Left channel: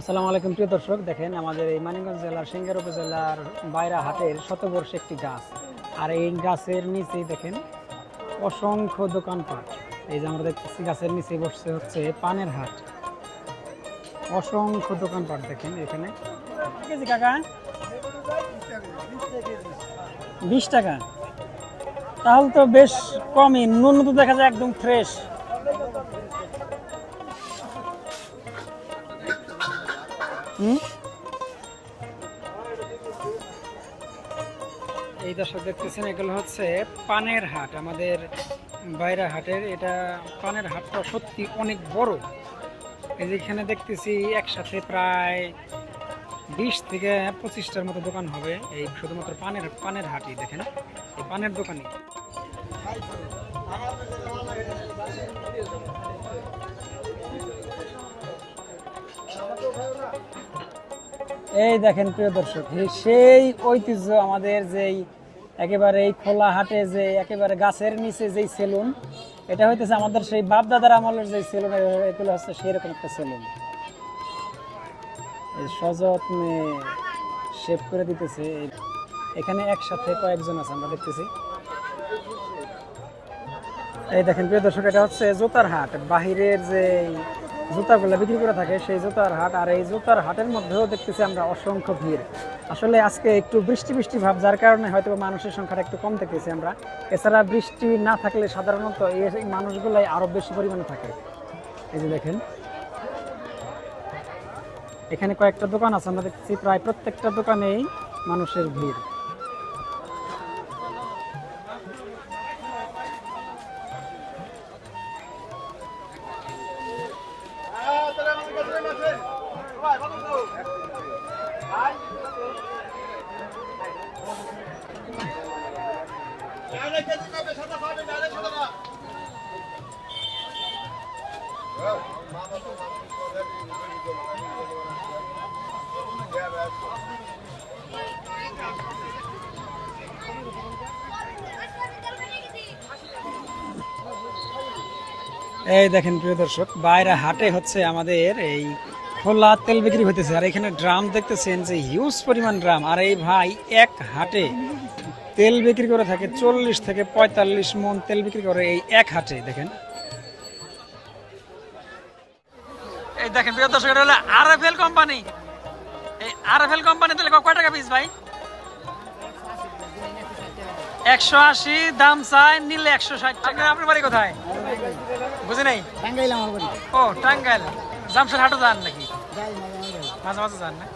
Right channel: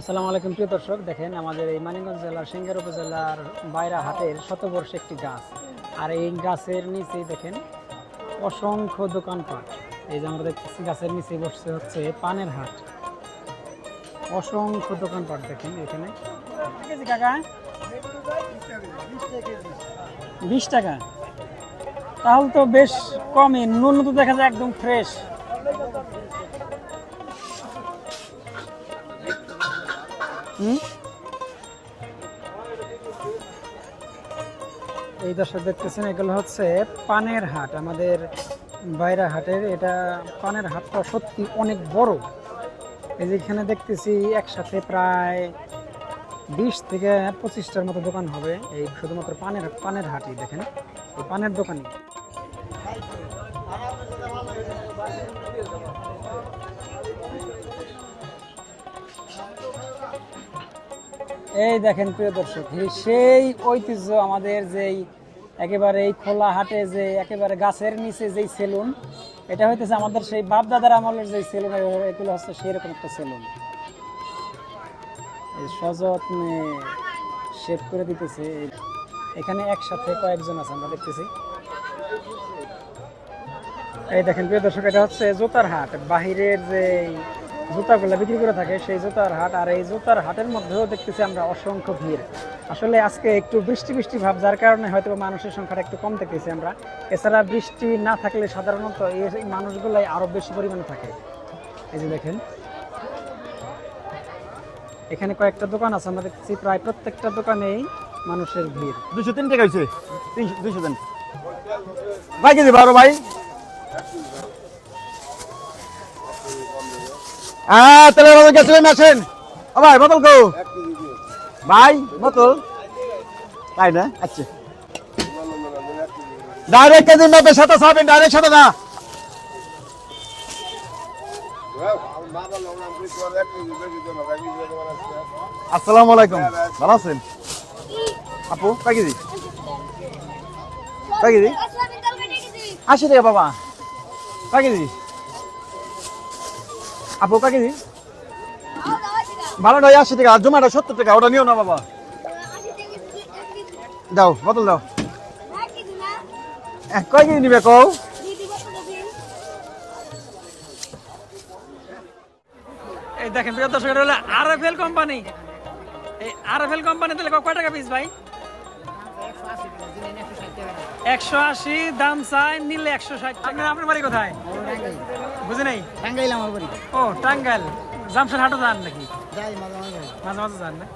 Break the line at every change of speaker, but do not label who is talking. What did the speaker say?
আসসালামু আলাইকুম, প্রিয় দর্শক। দেখেন, আমাদের এই মানিকগঞ্জ জেলার সিঙ্গার উপজেলার বাইরা হাটের শতবর্ষ একটি গাছ। আর এই গাছের নিচেই দেখেন, অসংখ্য দোকানপাট এই যে আমরা দেখতেছি, গাছের নিচে বসছে হচ্ছে পানের হাট। অসংখ্য দোকানপাট দেখেন এখানে। বিশ টাকা। তাহলে তো বেশ কমই, নুন তো দেখা যায় একদম ফ্রেশ এই দর্শক দেখতেছেন, এগুলো হচ্ছে পানের হাট। আমাদের বাইরা হাটের এটা পানের হাটটা সত্যি অনেক বড়। এই যেখানে দেখতেছি একসাথে প্রায় বিশ থেকে পঁচিশটার মতো দোকান হবে। এই শুধুমাত্র পানের পানের হাটই, দেখেন, এই পানের দোকানই। এই দেখেন প্রিয় দর্শক সেই ঐতিহ্য আমাদের যেই একেবারে এই খোলা হাটে যে একেবারে গাছের নিচে যেই সেলুন, এটা হইতেছে আমাদের সেই বাপ দাদার আমলের যে সেলুন এগুলো হচ্ছে সেরকম একটা সেলুন। সযত্নে শেভ করে দিতেছে। এখানে একসাথে কয়েকজন আছে, আমরা দেখতেছি। এই দেখেন, প্রিয় দর্শক, এটা হচ্ছে জুতার হাট। বাহিরের যে জুতাগুলো বিক্রি করে থাকে, সেই জুতার হাট, আর এই জুতার হাটের মধ্যেও দেখতেছি আমরা অসংখ্য ভিড়। আসলে আজকে একটু বৃষ্টি বৃষ্টি ভাব, যার কারণে হয়তো মানুষের সংখ্যাটা একটু কম দেখতেছি আমরা। এছাড়া বৃষ্টি না থাকলে সাধারণত এই মানুষগুলাই আরও বেশি পরিমাণে থাকে। এই যে দেখেন, এখানে কয়েকটা দোকান আছে, আমরা দেখতেছি প্রায় প্রত্যেকটা দোকানেই মানুষের ভিড়।
দুশো তিন টাকা হয়েছে দুশো তিন। ভাই কেজি বারো ভাই? হ্যাঁ তাহলে বাবা গেছে ভাই আসেন। ভাই, বোতল কো। ভাই, বোতল। তাই না? আচ্ছা। ডাইরেক্ট কেজি নব্বই সাথে সাবেন ডাইরেক্ট সাথে না। আসসালামু আলাইকুম। ভালো আছেন? আপু কয় কেজি কয় কেজি আশি টাকা বাবা। কয় কেজি
এই দেখেন প্রিয় দর্শক বাইরে হাটে? হচ্ছে আমাদের এই খোলা
ভালোটা 80 টাকা, জমাটা 70 টাকা, ওটা নিও না বাবা।
হিউজ পরিমাণ গ্রাম আর এই ভাই এক
দাও
হাটে
দাও।
তেল বিক্রি করে থাকে চল্লিশ থেকে তেল বিক্রি করে এই এক হাটে দেখেন। এই দেখেন প্রিয় দর্শক এটা হলো আরএফএল কোম্পানি। এই আরএফএল কোম্পানি তাহলে কয় টাকা পিস ভাই? একশো আশি দাম চাই নিলে একশো ষাট টাকা। আপনার বাড়ি কোথায়? বুঝি নাই?
টাঙ্গাইল আমার বাড়ি।
ও টাঙ্গাইল। জামশেদ হাটও যান নাকি?
মাঝে মাঝে যাই।
মাঝে মাঝে যান না?